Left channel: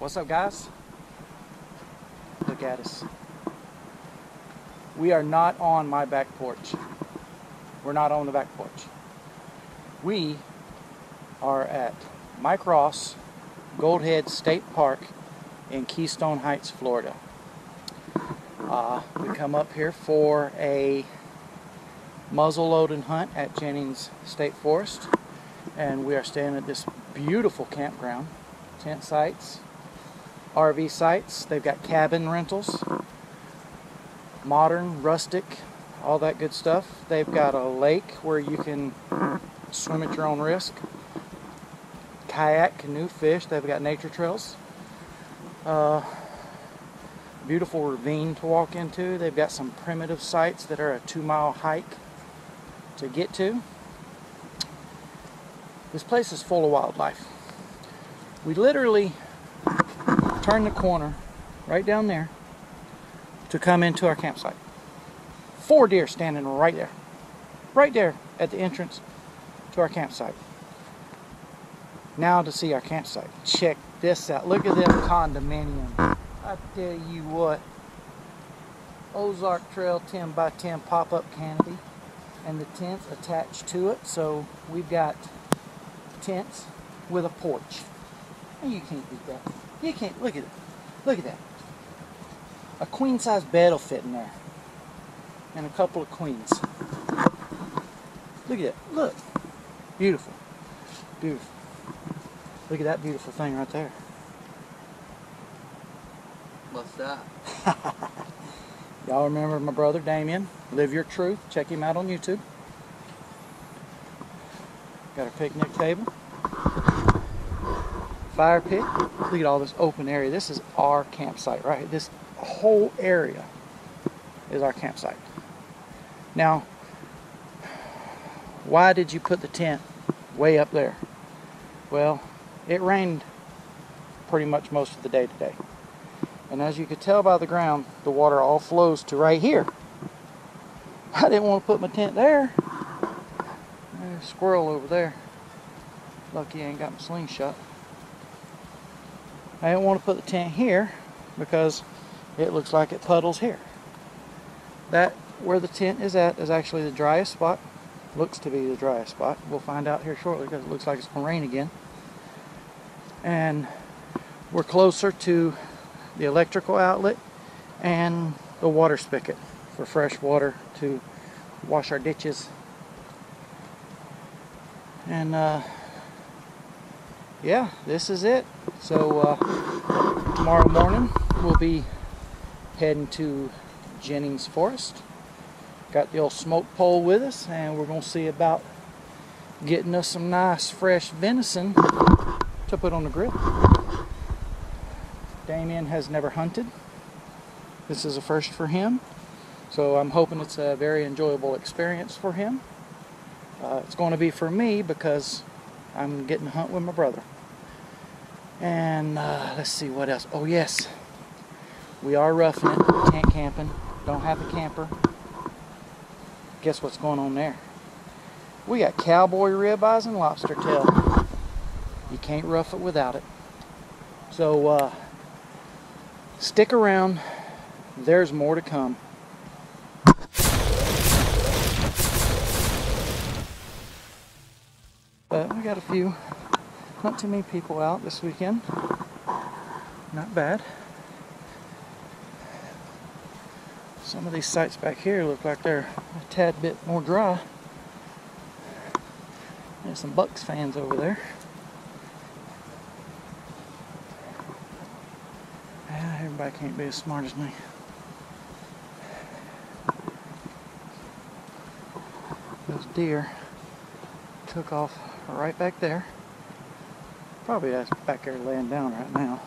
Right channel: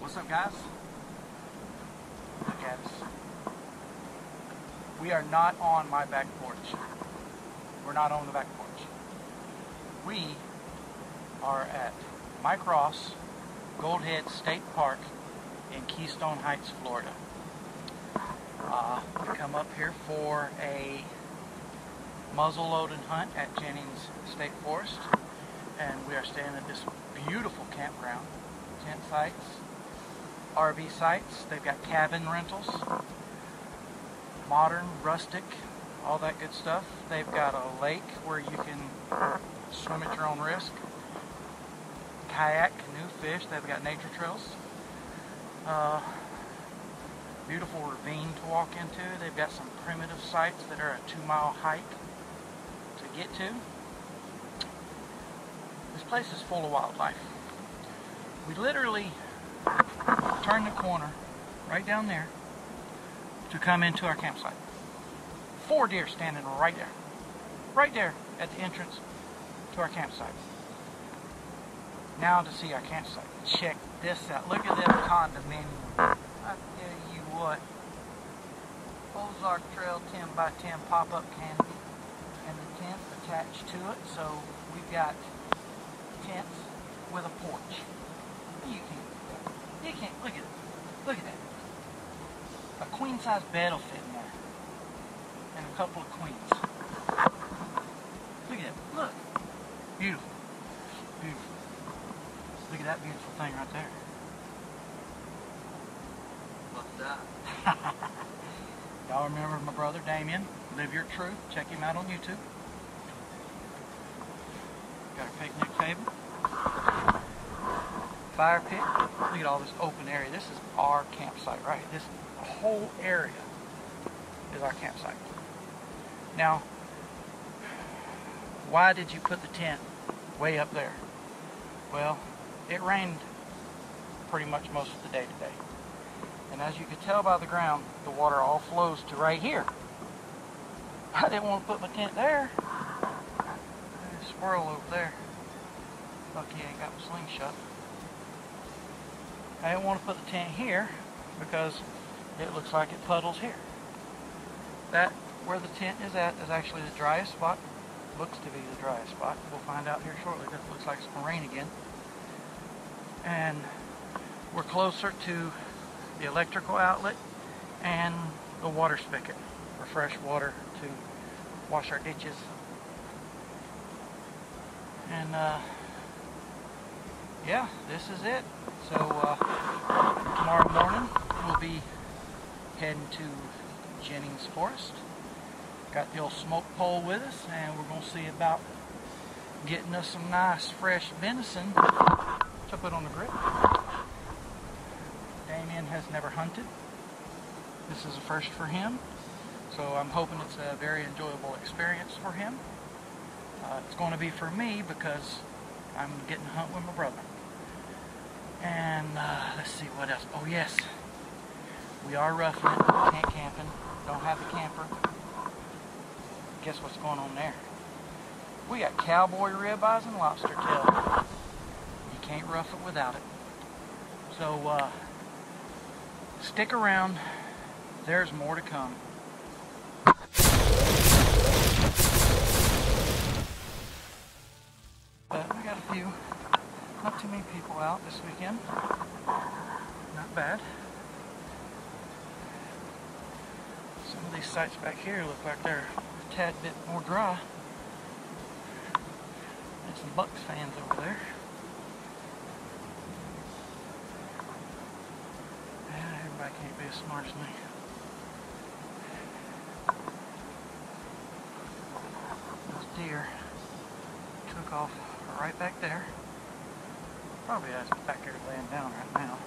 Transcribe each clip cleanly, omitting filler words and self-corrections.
What's up, guys? Look at us. We are not on my back porch. We're not on the back porch. We are at Mike Ross Goldhead State Park in Keystone Heights, Florida. We come up here for a muzzleloading hunt at Jennings State Forest, and we are staying at this beautiful campground. Tent sites, RV sites, they've got cabin rentals, modern, rustic, all that good stuff. They've got a lake where you can swim at your own risk, kayak, canoe, fish. They've got nature trails, beautiful ravine to walk into. They've got some primitive sites that are a 2-mile hike to get to. This place is full of wildlife. We literally turn the corner right down there to come into our campsite. 4 deer standing right there at the entrance to our campsite. Now to see our campsite. Check this out. Look at this condominium. I tell you what, Ozark Trail 10 by 10 pop-up canopy, and the tents attached to it. So we've got tents with a porch. And you can't beat that. You can't. Look at it. Look at that. A queen size bed will fit in there, and a couple of queens. Look at it. Look. Beautiful. Beautiful. Look at that beautiful thing right there. What's that? Y'all remember my brother Damien? Live Your Truth. Check him out on YouTube. Got our picnic table. Fire pit. Look at all this open area. This is our campsite, right? This whole area is our campsite. Now, why did you put the tent way up there? Well, it rained pretty much most of the day today. And as you could tell by the ground, the water all flows to right here. I didn't want to put my tent there. There's a squirrel over there. Lucky I ain't got my slingshot. I didn't want to put the tent here because it looks like it puddles here. That, where the tent is at, is actually the driest spot. Looks to be the driest spot. We'll find out here shortly because it looks like it's going to rain again. And we're closer to the electrical outlet and the water spigot for fresh water to wash our ditches. And yeah, this is it. So tomorrow morning we'll be heading to Jennings Forest. Got the old smoke pole with us, and we're going to see about getting us some nice fresh venison to put on the grill. Damien has never hunted. This is a first for him, so I'm hoping it's a very enjoyable experience for him. It's going to be for me because I'm getting to hunt with my brother. And let's see what else. Oh yes, we are roughing it, tent camping. Don't have a camper. Guess what's going on there? We got cowboy ribeyes and lobster tail. You can't rough it without it. So stick around. There's more to come. But we got a few, not too many people out this weekend. Not bad. Some of these sites back here look like they're a tad bit more dry. There's some Bucks fans over there. Yeah, everybody can't be as smart as me. Those deer took off right back there. Probably that's back there laying down right now.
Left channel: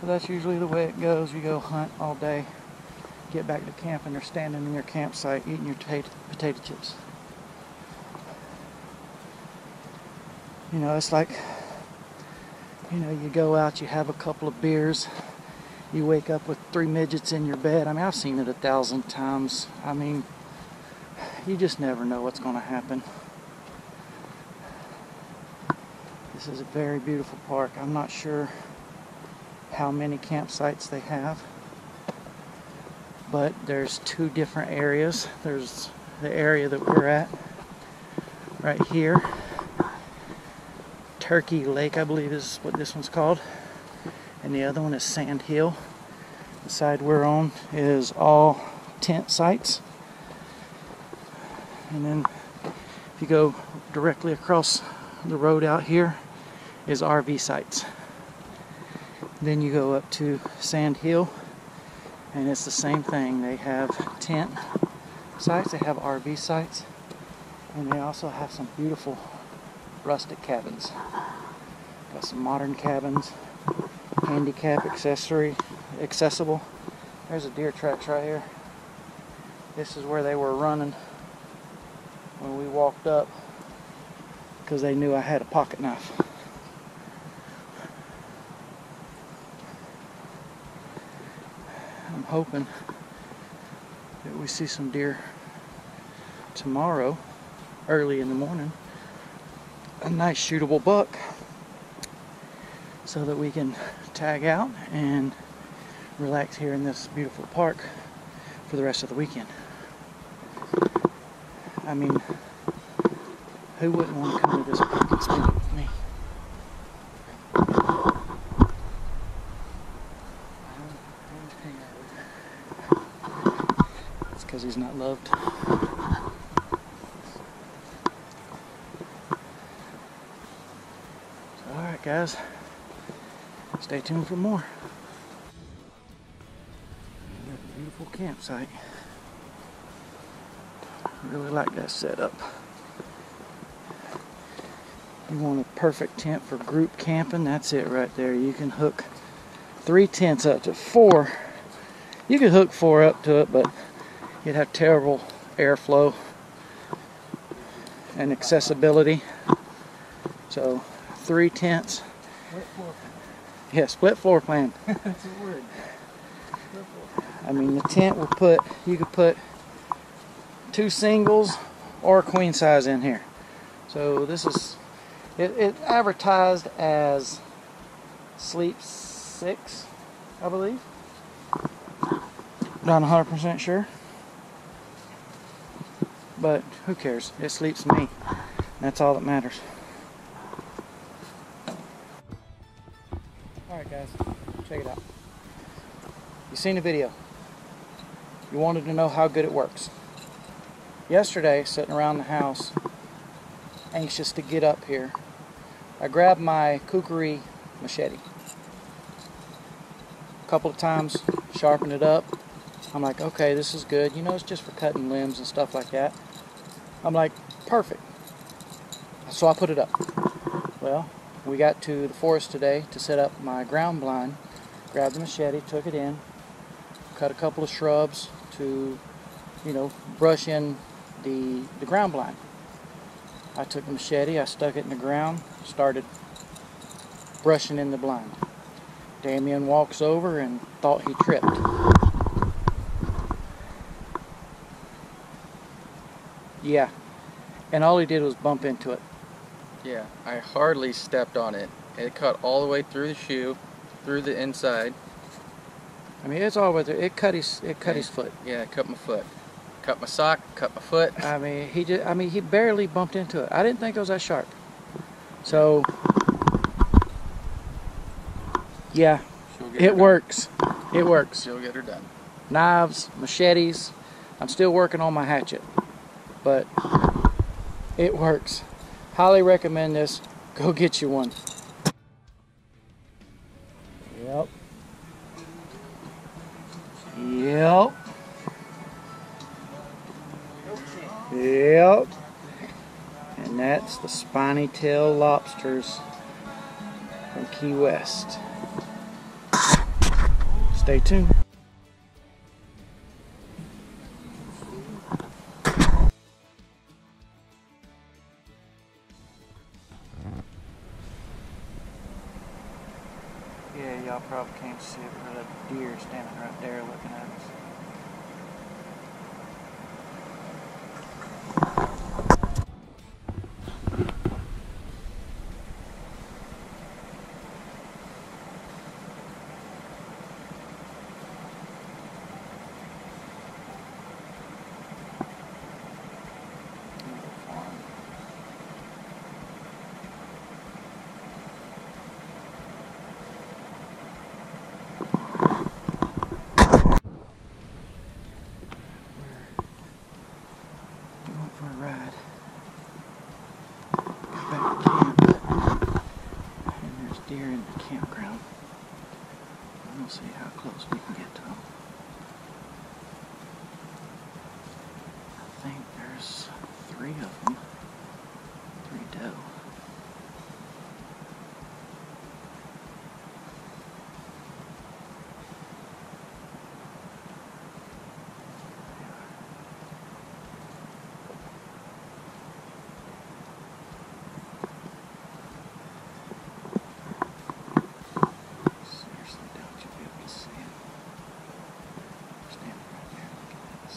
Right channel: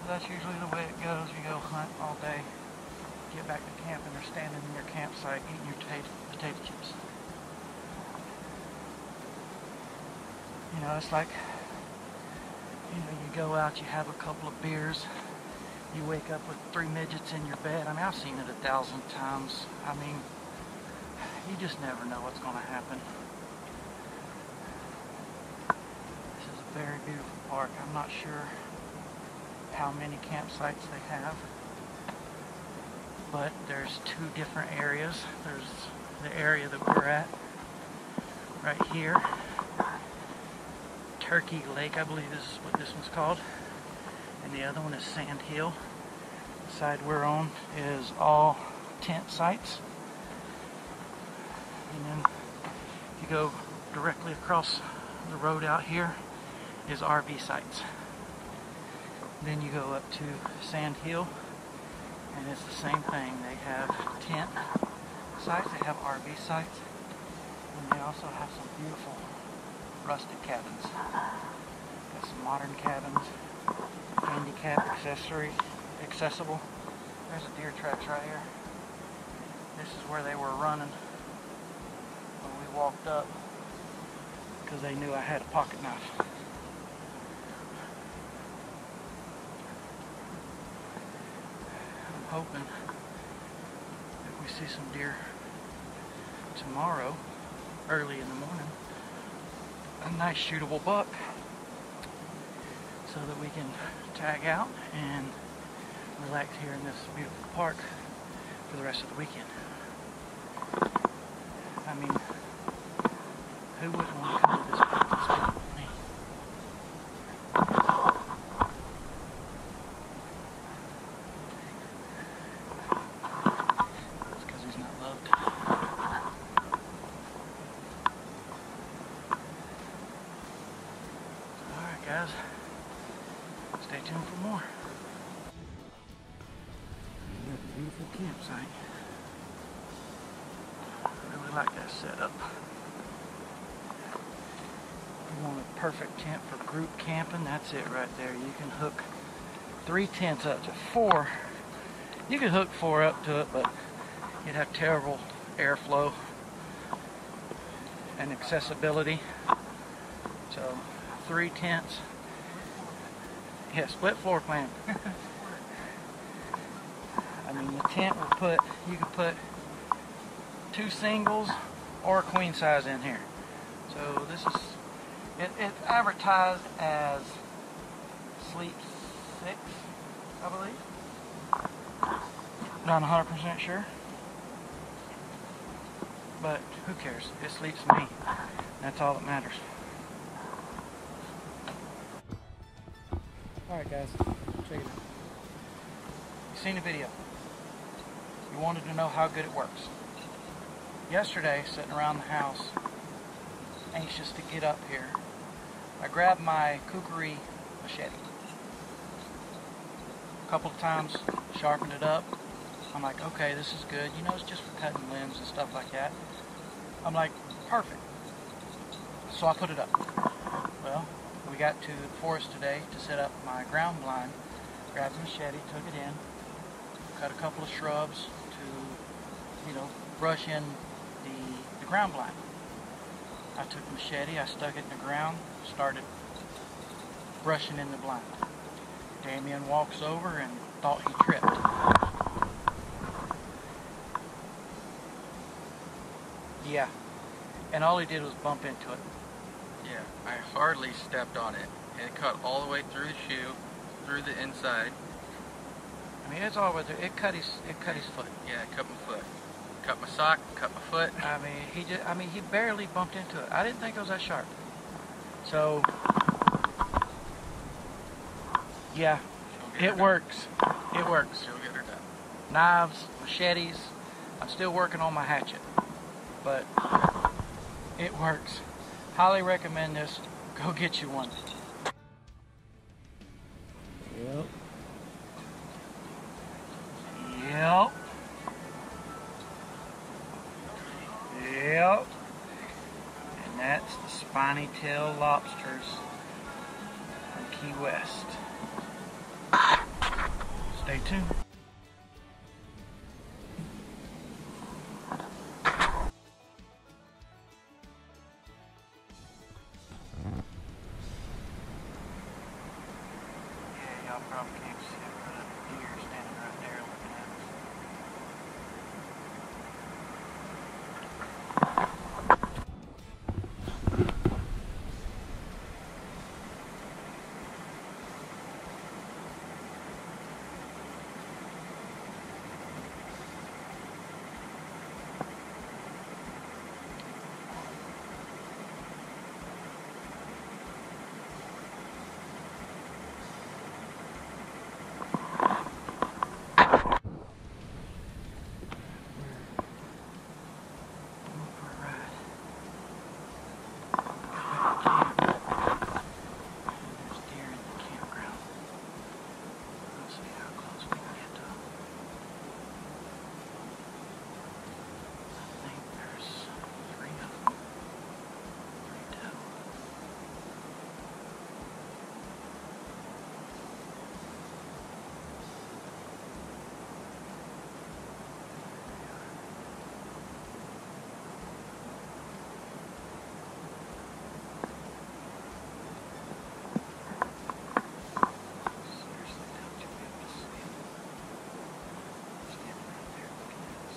But that's usually the way it goes. You go hunt all day, get back to camp, and they're standing in your campsite eating your potato chips. You know, it's like, you know, you go out, you have a couple of beers, you wake up with 3 midgets in your bed. I mean, I've seen it 1,000 times. I mean, you just never know what's going to happen. This is a very beautiful park. I'm not sure how many campsites they have, but there's two different areas. There's the area that we're at right here. Turkey Lake, I believe is what this one's called. And the other one is Sand Hill. The side we're on is all tent sites. And then if you go directly across the road out here is RV sites. Then you go up to Sand Hill and it's the same thing. They have tent sites, they have RV sites, and they also have some beautiful rustic cabins. Got some modern cabins, handicap accessible. There's a deer tracks right here. This is where they were running when we walked up because they knew I had a pocket knife. I'm hoping that we see some deer tomorrow early in the morning. A nice shootable buck so that we can tag out and relax here in this beautiful park for the rest of the weekend. I mean, who wouldn't want to come to this park and spend it with me? It's because he's not loved. Alright guys, stay tuned for more. Another beautiful campsite. I really like that setup. You want a perfect tent for group camping, that's it right there. You can hook 3 tents up to 4. You could hook 4 up to it, but you'd have terrible airflow and accessibility. So 3 tents. Yeah, split floor plan. That's a word. I mean, the tent will put, you could put 2 singles or a queen size in here. So this is, it advertised as Sleep 6, I believe. Not 100% sure. But who cares? It sleeps me. That's all that matters. Alright guys, check it out. You've seen the video. You wanted to know how good it works. Yesterday, sitting around the house, anxious to get up here, I grabbed my kukri machete. A couple of times, sharpened it up. I'm like, okay, this is good. You know, it's just for cutting limbs and stuff like that. I'm like, perfect. So I put it up. Well, we got to the forest today to set up my ground blind. Grabbed the machete, took it in, cut a couple of shrubs to, you know, brush in the ground blind. I took the machete, I stuck it in the ground, started brushing in the blind. Damien walks over and thought he tripped. Yeah, and all he did was bump into it. Yeah, I hardly stepped on it. It cut all the way through the shoe, through the inside. I mean, it's all the way through. It cut his foot. Yeah, it cut my foot. Cut my sock, cut my foot. I mean, he barely bumped into it. I didn't think it was that sharp. So, yeah, it works. It works. She'll get her done. Knives, machetes. I'm still working on my hatchet, but it works. Highly recommend this. Go get you one. Yep. Yep. Yep. And that's the spiny tail lobsters from Key West. Stay tuned. Yeah, y'all probably can't see it, but a deer standing right there looking at us. close we can get to them. I think there's 3 of them. 3 doe. Seriously, don't you be able to see them? Standing right there looking at us.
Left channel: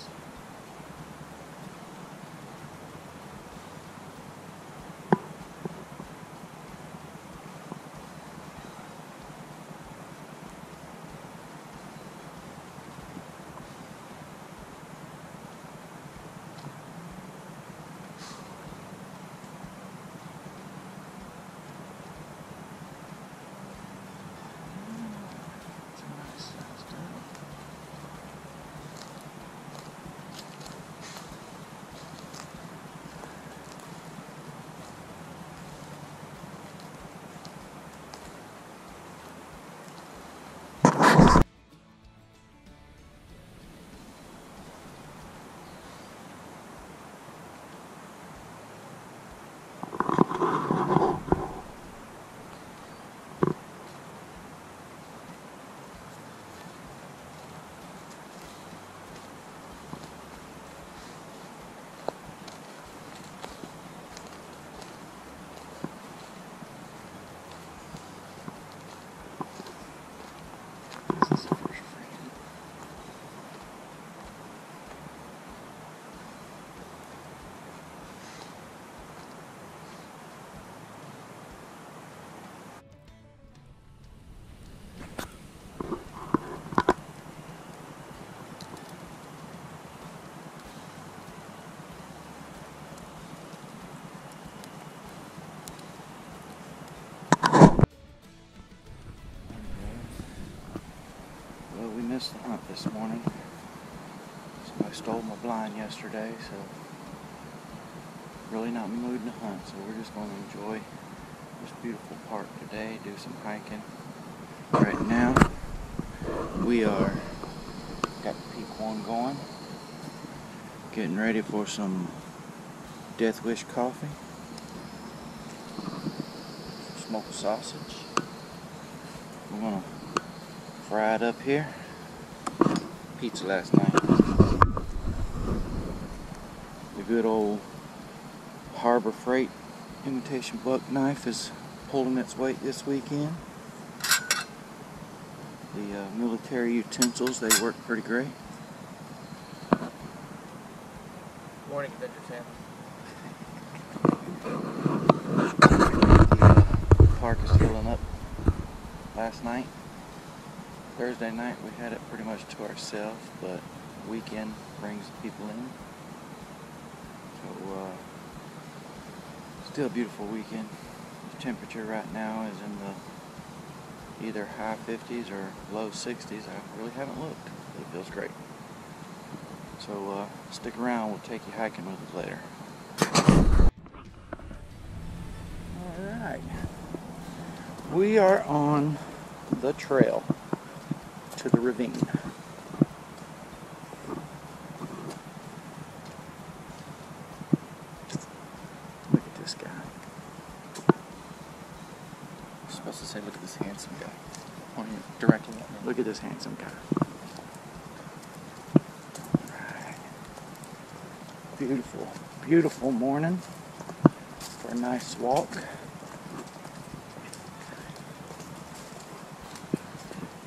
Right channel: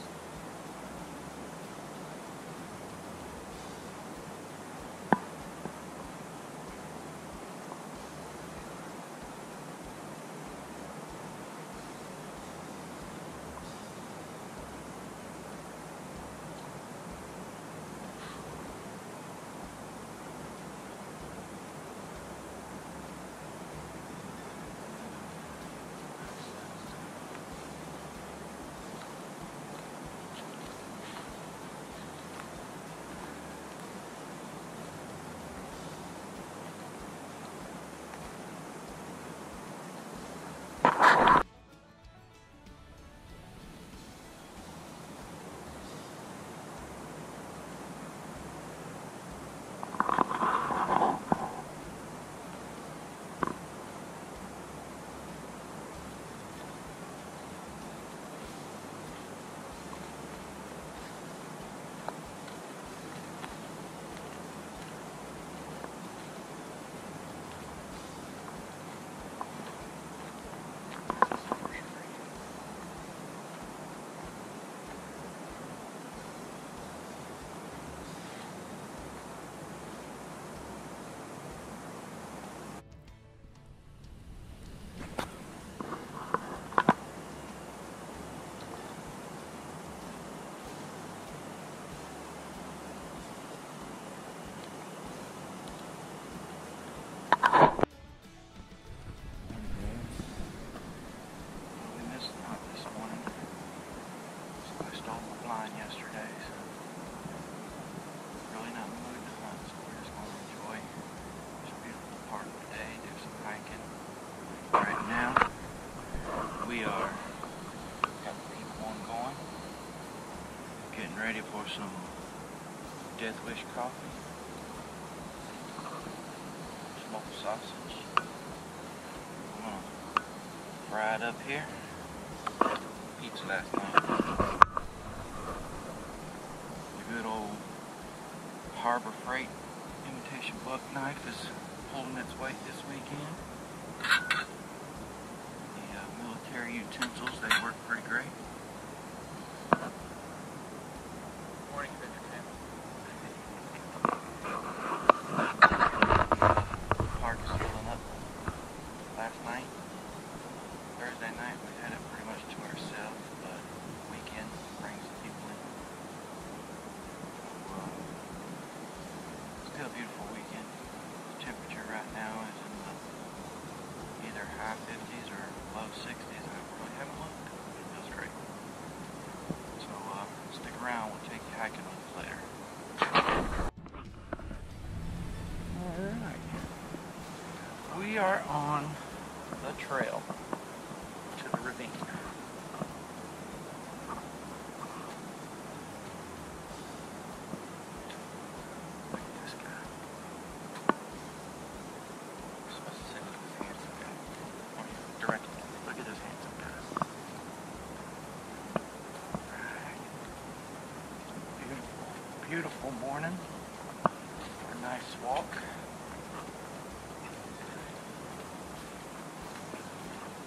It's a nice sized doe. This is the first frame. Well, we missed the hunt this morning. Somebody stole my blind yesterday, so really not in the mood to hunt. So we're just going to enjoy this beautiful park today, do some hiking. Right now, we are got peak 1 going, getting ready for some Death Wish coffee, smoked sausage. We're gonna fry it up here. Pizza last night. The good old Harbor Freight imitation buck knife is pulling its weight this weekend. The military utensils, they work pretty great. Morning, Adventure The park is filling up. Last night, Thursday night, we had it pretty much to ourselves, but the weekend brings people in. So, still a beautiful weekend. The temperature right now is in the either high 50s or low 60s. I really haven't looked, but it feels great. So, stick around. We'll take you hiking with us later. Alright. We are on the trail to the ravine. Look at this guy. You're supposed to say, look at this handsome guy. Pointing directly at me. Look at this handsome guy. Right. Beautiful, beautiful morning for a nice walk.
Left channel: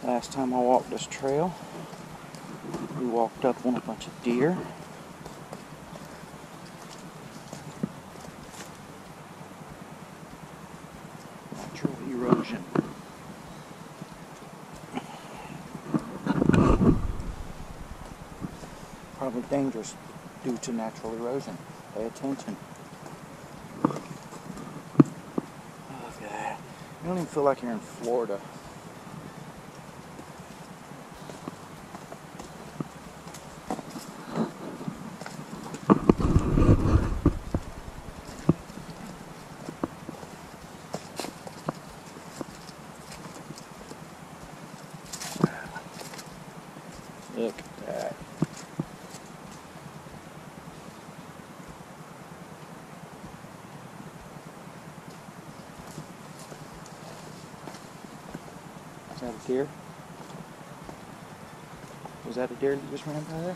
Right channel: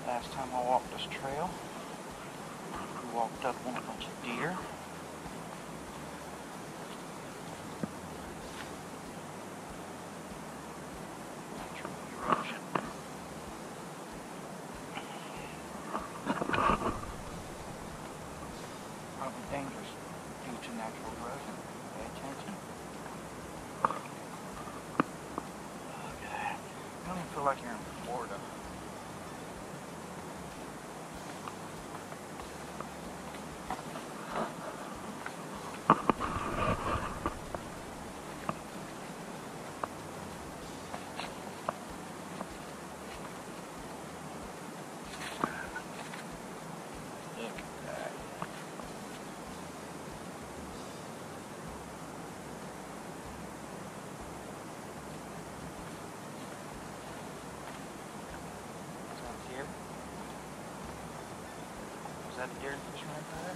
Last time I walked this trail, we walked up on a bunch of deer. Natural erosion. Probably dangerous due to natural erosion. Pay attention. Look at that. You don't even feel like you're in Florida. Is that a deer? Was that a deer that just ran by there?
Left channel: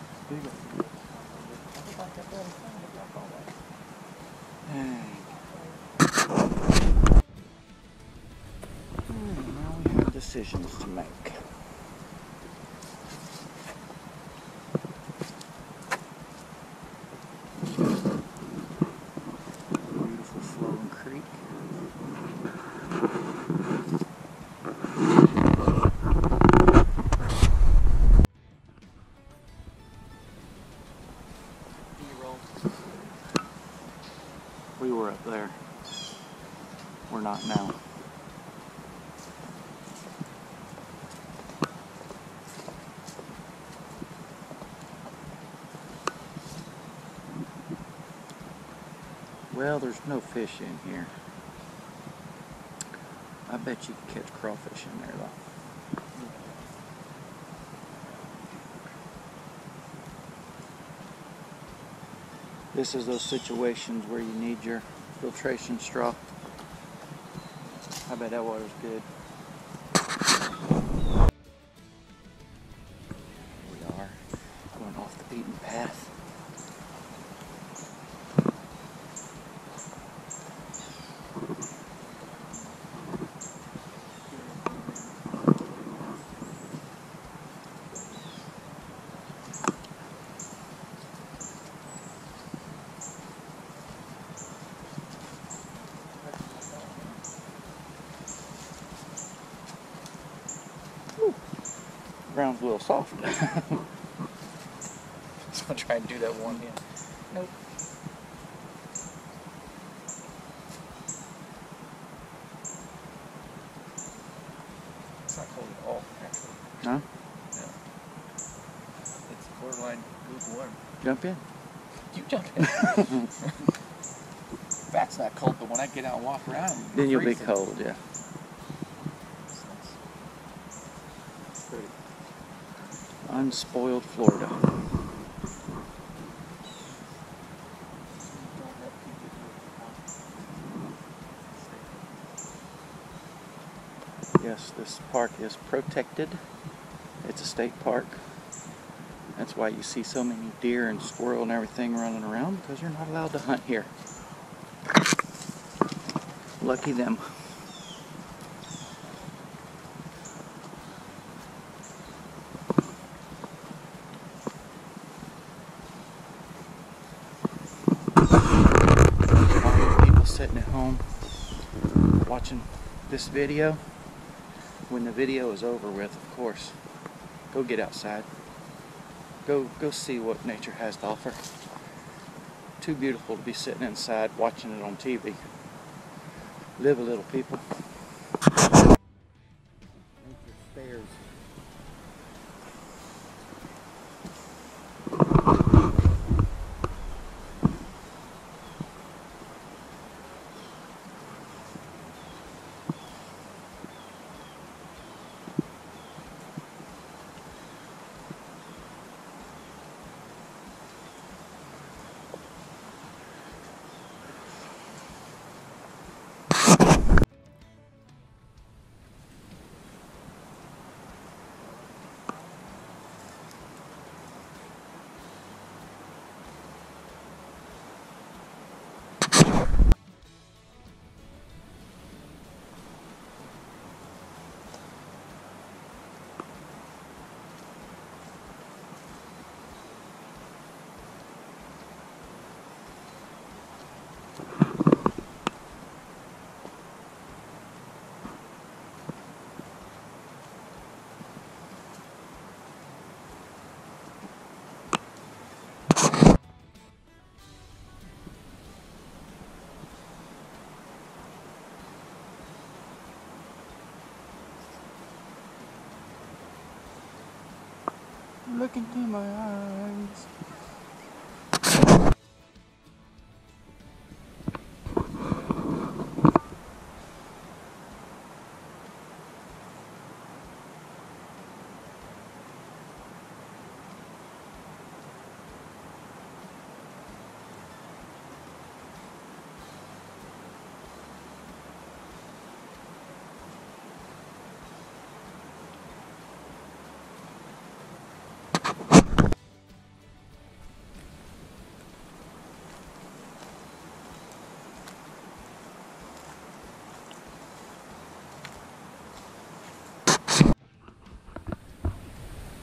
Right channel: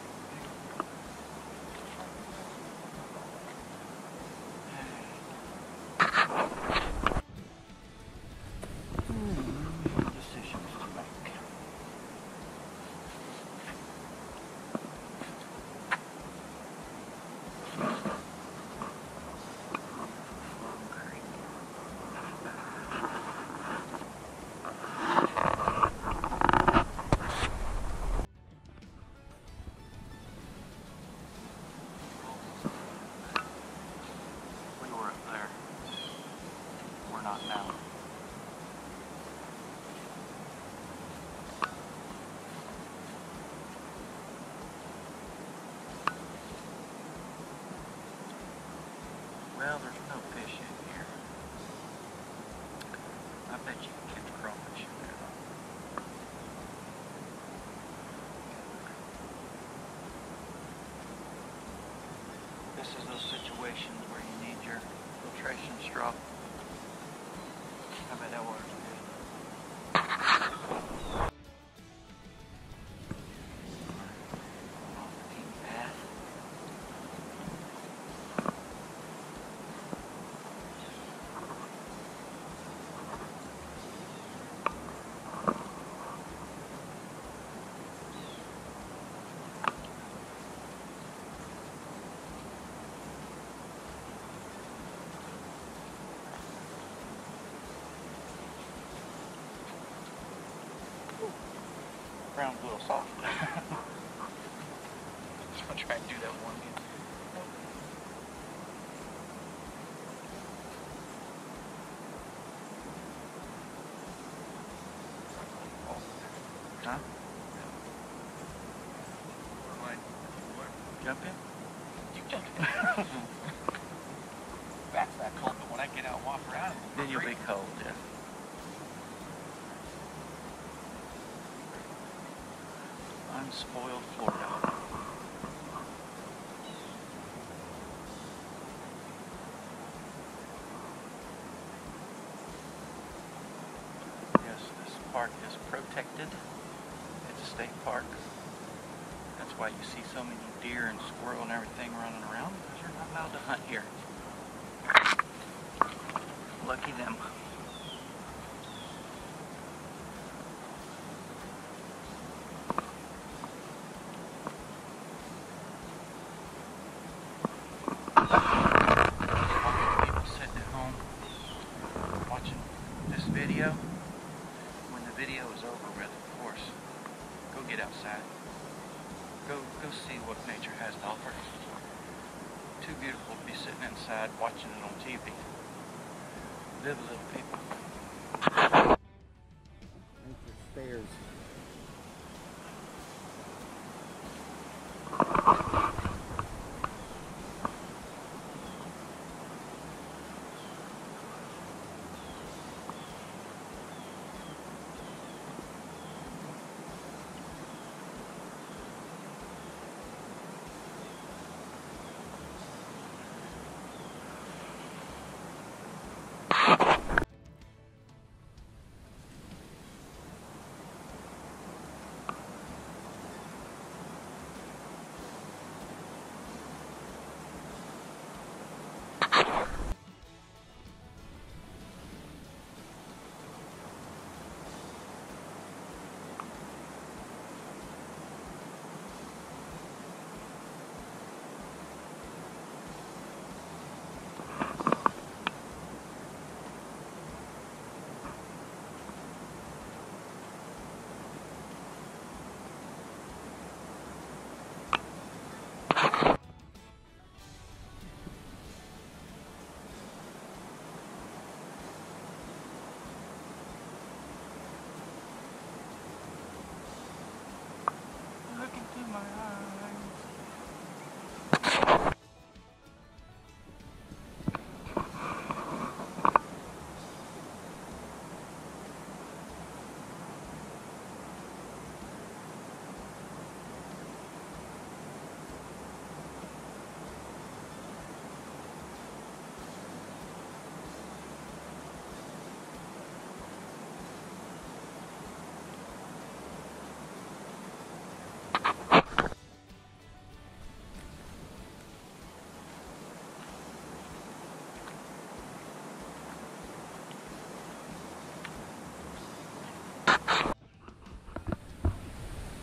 Now we have decisions to make. Beautiful flowing creek. We were up there. We're not now. Well, there's no fish in here. I bet you can catch crawfish in there though. This is those situations where you need your filtration straw. I bet that water's good. We are going off the beaten path. Ground's a little soft. So I'll try and do that one hand. Nope. It's not cold at all, actually. Huh? No. It's borderline lukewarm. Jump in. You jump in. That's not cold, but when I get out and walk around, Then you'll be freezing. cold, yeah. Unspoiled Florida. Yes, this park is protected. It's a state park. That's why you see so many deer and squirrel and everything running around, because you're not allowed to hunt here. Lucky them. People sitting at home watching this video. When the video is over with, of course, go get outside. Go see what nature has to offer. Too beautiful to be sitting inside watching it on TV. Live a little, people. Nature spares. Look into my eyes.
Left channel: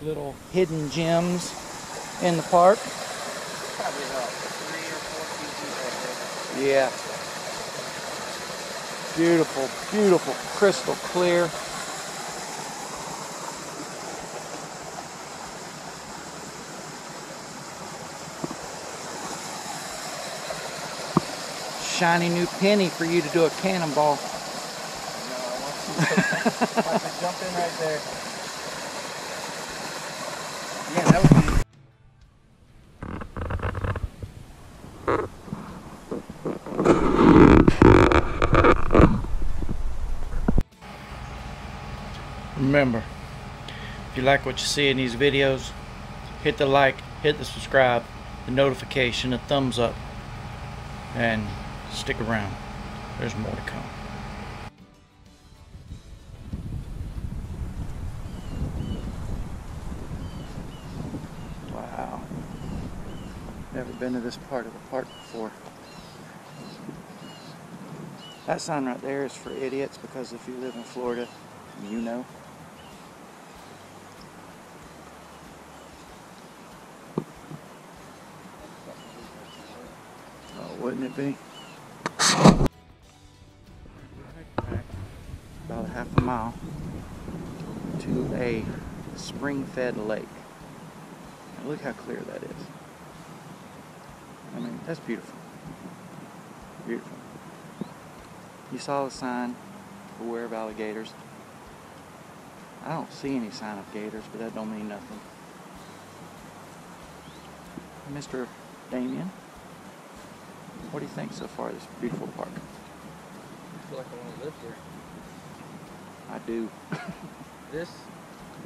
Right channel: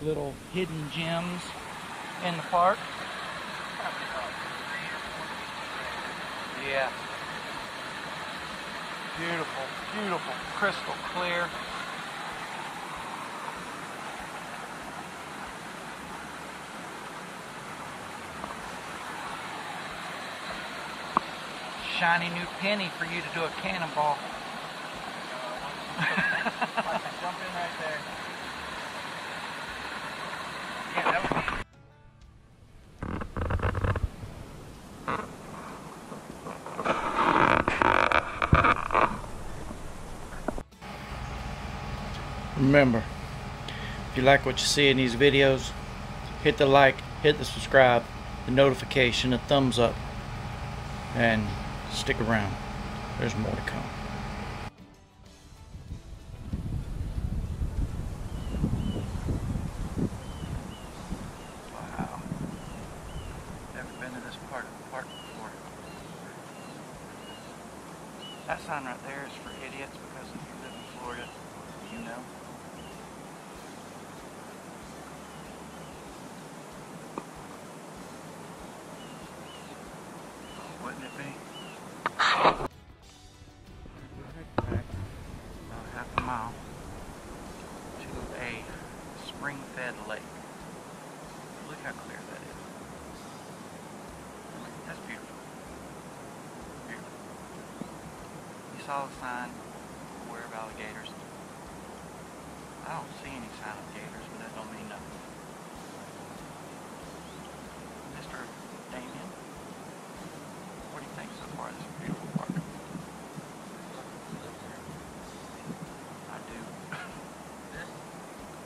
little hidden gems in the park. Probably about 3 or 4 feet deep right there. Yeah. Beautiful, beautiful, crystal clear. Shiny new penny for you to do a cannonball. I want to jump in right there. Yeah, that would be. Remember, if you like what you see in these videos, hit the like, hit the subscribe, the notification, the thumbs up, and stick around. There's more to come. Wow. Never been to this part of the park before. That sign right there is for idiots, because if you live in Florida, you know. Oh, wouldn't it be? Back about a half a mile to a spring-fed lake. Now look how clear that is. I mean, that's beautiful. Beautiful. You saw the sign, beware of alligators. I don't see any sign of gators, but that don't mean nothing. Mr. Damien, what do you think so far of this beautiful park? I feel like I want to live here. I do.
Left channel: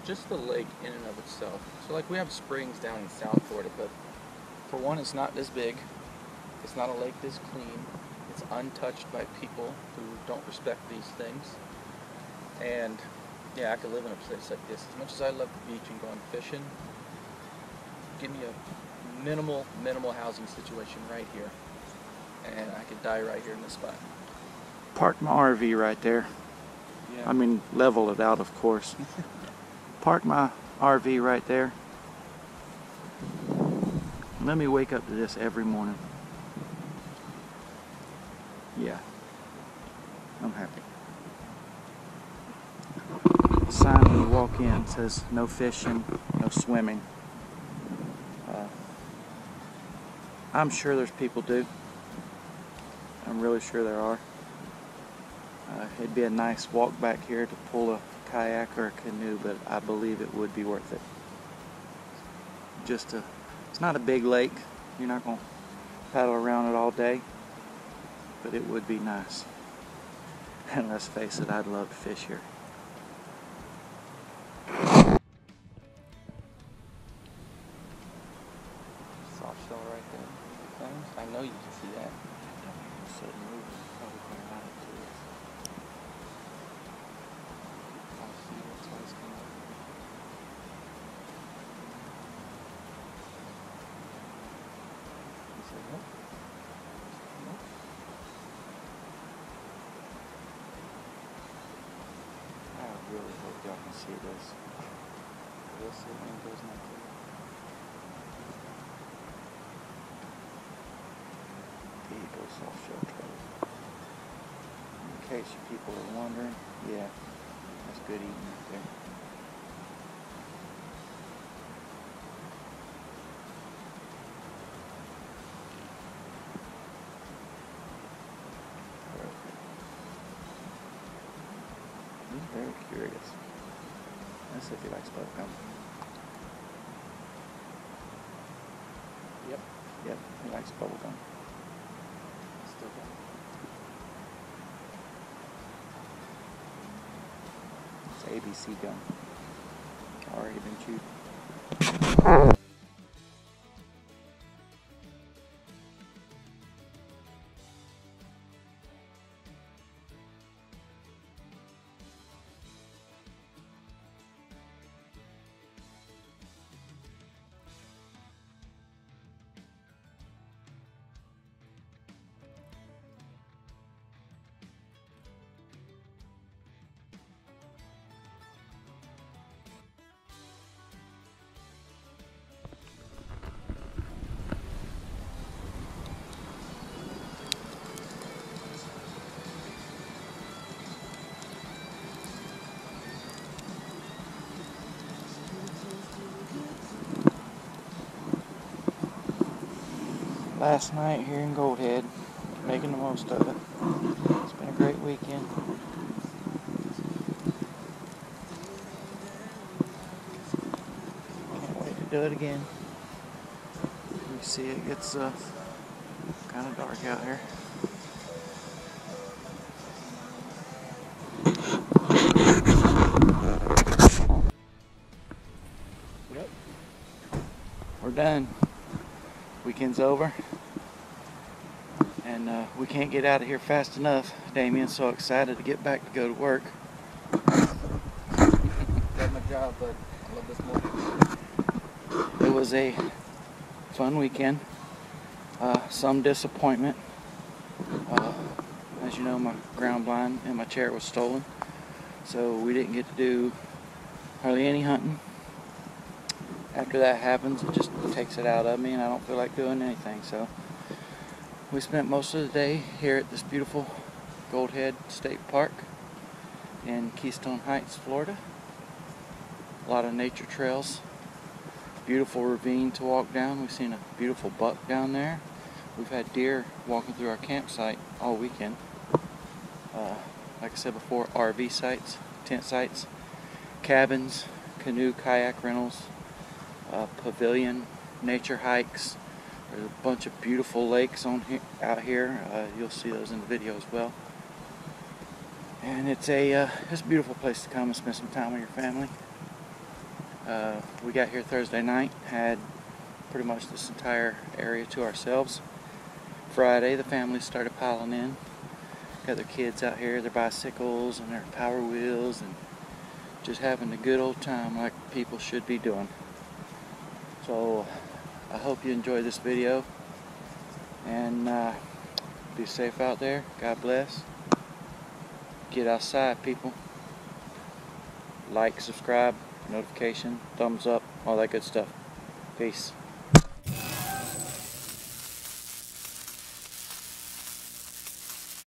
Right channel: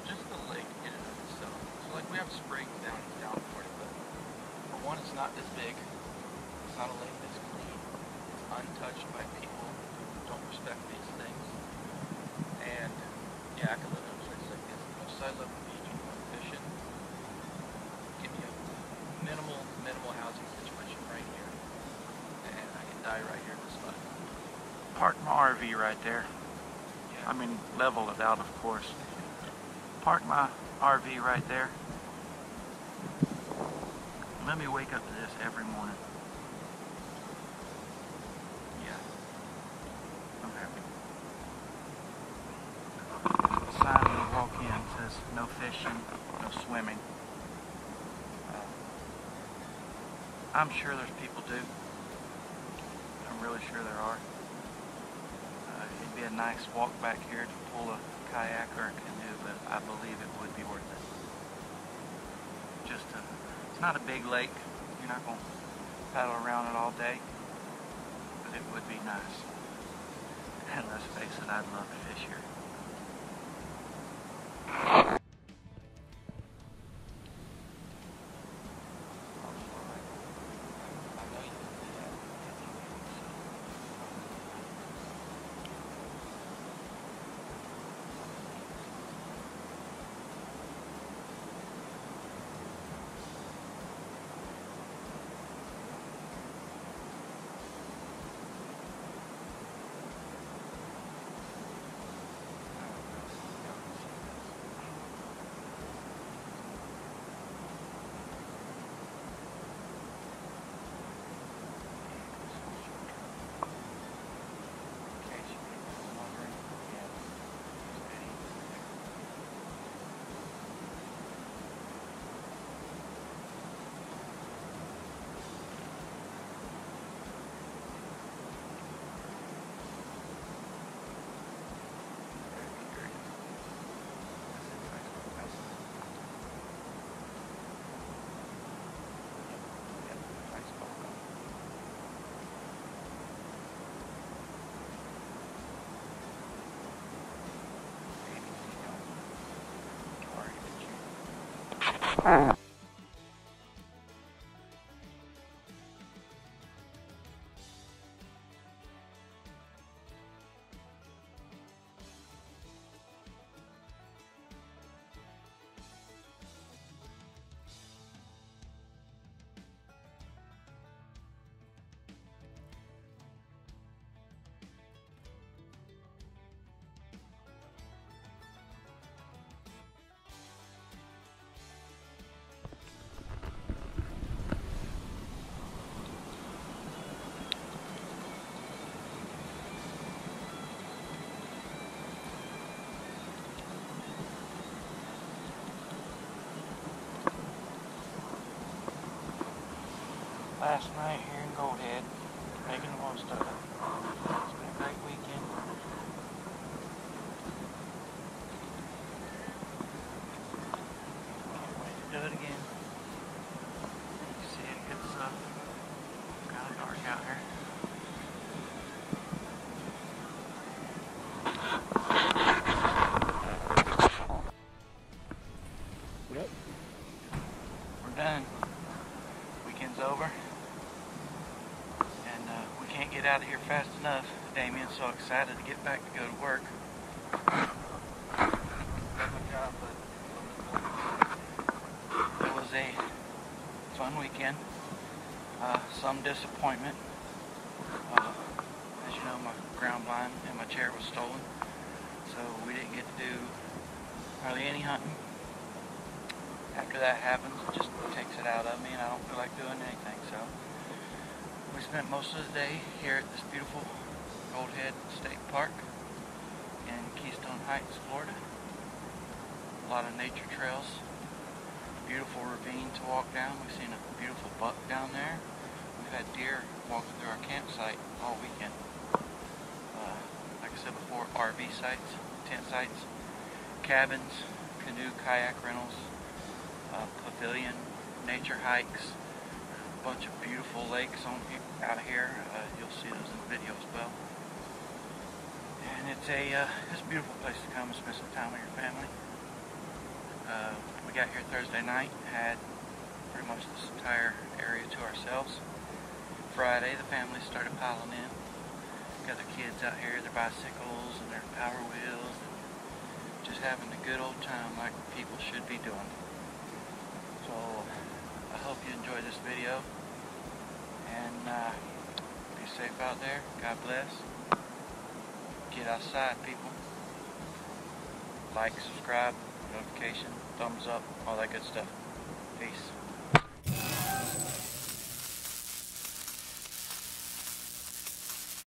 Just the lake in and of itself. So like we have springs down in South Florida, but for one, it's not this big. It's not a lake this clean. It's untouched by people who don't respect these things. And yeah, I could live in a place like this. As much as I love the beach and going fishing, give me a minimal housing situation right here. And I could die right here in this spot. Park my RV right there. Yeah. I mean, level it out, of course. Park my RV right there. Let me wake up to this every morning. Yeah, I'm happy. The sign when you walk in says no fishing, no swimming. I'm sure there's people do. I'm really sure there are. It'd be a nice walk back here to pull a kayak or a canoe, but I believe it would be worth it. It's not a big lake. You're not going to paddle around it all day, but it would be nice. And let's face it, I'd love to fish here. Soft shell right there. I know you can see that. I really hope y'all can see this. Eagle soft shell trout. In case you people are wondering, yeah, that's good eating right there. He's very curious. Let's see if he likes bubblegum. Yep. Yep, he likes bubblegum. It's ABC gum. Already been chewed. last night here in Goldhead, making the most of it. It's been a great weekend. Can't wait to do it again. You see it gets kind of dark out here. Yep, we're done. Weekend's over, and we can't get out of here fast enough. Damien's so excited to get back to go to work. Love my job, but I love this more. It was a fun weekend. Some disappointment. As you know, my ground blind and my chair was stolen, so we didn't get to do hardly any hunting. After that happens, it just takes it out of me, and I don't feel like doing anything. So we spent most of the day here at this beautiful Goldhead State Park in Keystone Heights, Florida. A lot of nature trails, beautiful ravine to walk down. We've seen a beautiful buck down there. We've had deer walking through our campsite all weekend. Like I said before, RV sites, tent sites, cabins, canoe, kayak rentals, pavilion, nature hikes. There's a bunch of beautiful lakes out here. You'll see those in the video as well. And it's a beautiful place to come and spend some time with your family. We got here Thursday night, had pretty much this entire area to ourselves. Friday, the family started piling in. Got their kids out here, their bicycles and their power wheels, and just having a good old time like people should be doing. So I hope you enjoyed this video, and be safe out there. God bless. Get outside, people. Like, subscribe, notification, thumbs up, all that good stuff. Peace.